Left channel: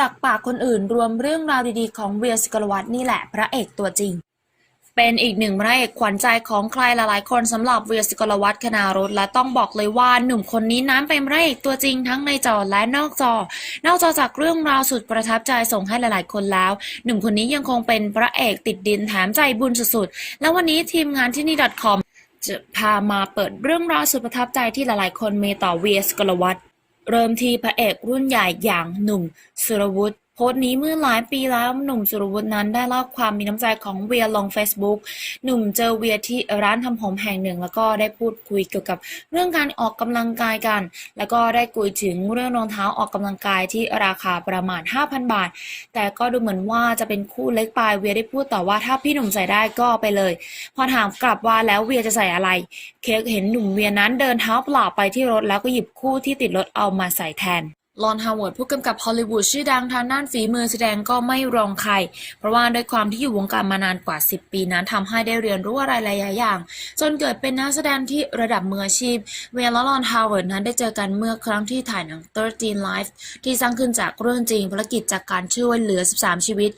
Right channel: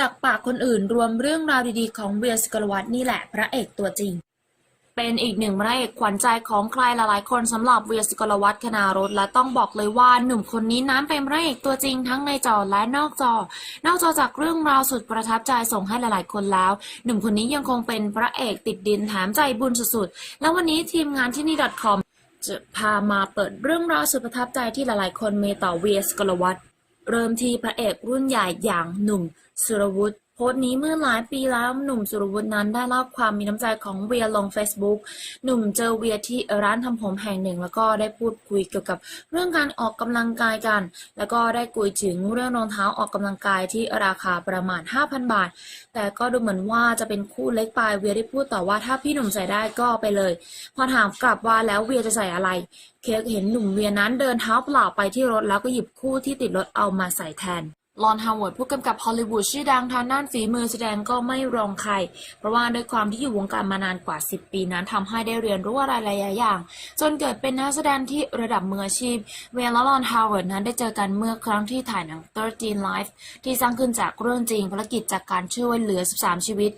จากปากคนอื่นรวมเรื่องราวดีๆ ของเวียสกลวัตนี่แหละพระเอกตัวจริง เป็นอีกหนึ่งพระเอกขวัญใจของใครหลายๆ คนสำหรับเวียสกลวัตคณารถและต้องบอกเลยว่าหนุ่มคนนี้นั้นเป็นพระเอกตัวจริงทั้งในจอและนอกจอ นอกจอจากเรื่องราวสุดประทับใจส่งให้หลายๆ คนแล้ว หนุ่มคนนี้ยังคงเป็นพระเอกติดดินแถมใจบุญสุดๆแล้ววันนี้ทีมงานที่นี่ .com จะพามาเปิดเรื่องราวสุดประทับใจที่หลายๆ คนมีต่อเวียสกลวัต เริ่มที่พระเอกรุ่นใหญ่อย่างหนุ่มสุรวุฒิ พสต์นี้เมื่อหลายปีแล้วหนุ่มสุรวุฒินั้นได้เล่าความมีน้ำใจของเวียลง Facebook หนุ่มเจอเวียที่ร้านทำผมแห่งหนึ่ง แล้วก็ได้พูดคุยเกี่ยวกับเรื่องการออกกำลังกายกัน แล้วก็ได้คุยถึงเรื่องรองเท้าออกกำลังกายที่ราคาประมาณ 5,000 บาท แต่ก็ดูเหมือนว่าจะเป็นคู่เล็กไปเวียได้พูดต่อว่าถ้าพี่หนุ่มใส่ได้ก็ไปเลย พอถามกลับว่าแล้วเวียจะใส่อะไร เค้กเห็นหนุ่มเวียนั้นเดินเท้าเปล่าไปที่รถแล้วก็หยิบคู่ที่ติดรถเอามาใส่แทน ลอนฮาวเวิร์ดผู้กำกับฮอลลีวูดชื่อดังทางด้านฝีมือแสดงก็ไม่รองใคร เพราะว่าด้วยความที่อยู่วงการมานานกว่า 10 ปีนั้นทำให้ได้เรียนรู้อะไรหลายอย่าง จนเกิดเป็นนักแสดงที่ระดับมืออาชีพ เวลและลอนฮาวเวิร์ดนั้นได้เจอกันเมื่อครั้งที่ถ่ายหนัง 13 Life ที่สร้างขึ้นจากเรื่องจริงภารกิจจากการช่วยเหลือ 13 ชีวิต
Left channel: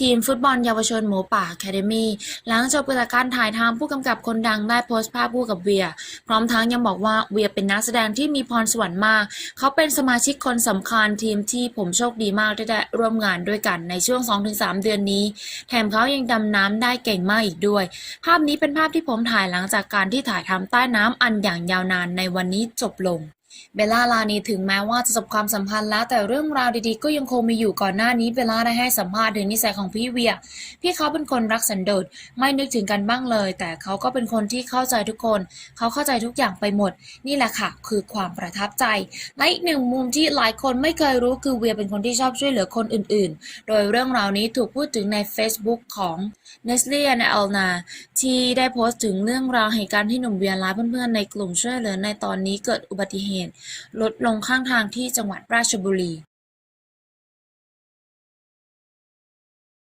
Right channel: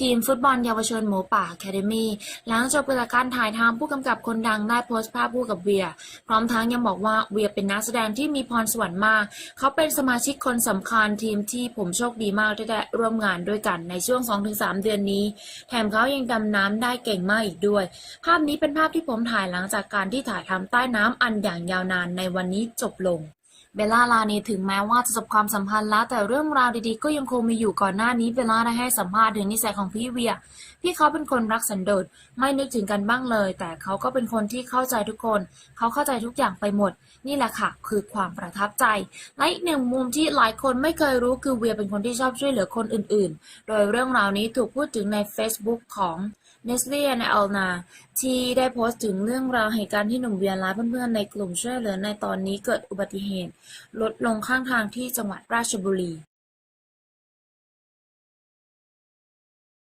ทีมฟุตบอลเยาวชนหมูป่า Academy หลังจบการถ่ายทำผู้กำกับคนดังได้โพสต์ภาพคู่กับเวีย พร้อมทั้งยังบอกว่าเวียเป็นนักแสดงที่มีพรสวรรค์มาก เขาเป็นสมาชิกคนสำคัญทีมที่ผมโชคดีมากที่ได้ร่วมงานด้วยกันในช่วง 2-3 เดือนนี้ แถมเขายังดำน้ำได้เก่งมากอีกด้วย ภาพนี้เป็นภาพที่ผมถ่ายหลังจากการที่ถ่ายทำใต้น้ำอันอย่างยาวนานในวันนี้จบลง เบลล่าลานีถึงแม้ว่าจะจบความสัมพันธ์แล้ว แต่เรื่องราวดีๆ ก็ยังคงมีอยู่ก่อนหน้านี้เบลล่าได้ให้สัมภาษณ์ถึงนิสัยของพี่เวีย พี่เขาเป็นคนรักสันโดษไม่นึกถึงกันบ้างเลย แต่เขาก็เป็นคนที่เข้าใจทุกคน เขาเข้าใจทุกอย่างไปหมด นี่แหละค่ะ คือความประทับใจและอีกหนึ่งมุมที่หลายคนไม่เคยรู้คือเวียเป็นคนที่ชอบช่วยเหลือคนอื่น ๆ โดยเรื่องราวนี้ถูกพูดถึงใน Facebook ของ n e s l e and Elna ที่ได้โพสต์ถึงเรื่องราวเหตุการณ์ที่หนุ่มเวียและเพื่อนๆในกลุ่มช่วยเหลือในตอนนี้เกิดอุบัติเหตุลดลงข้างทางที่จังหวัดราชบุรี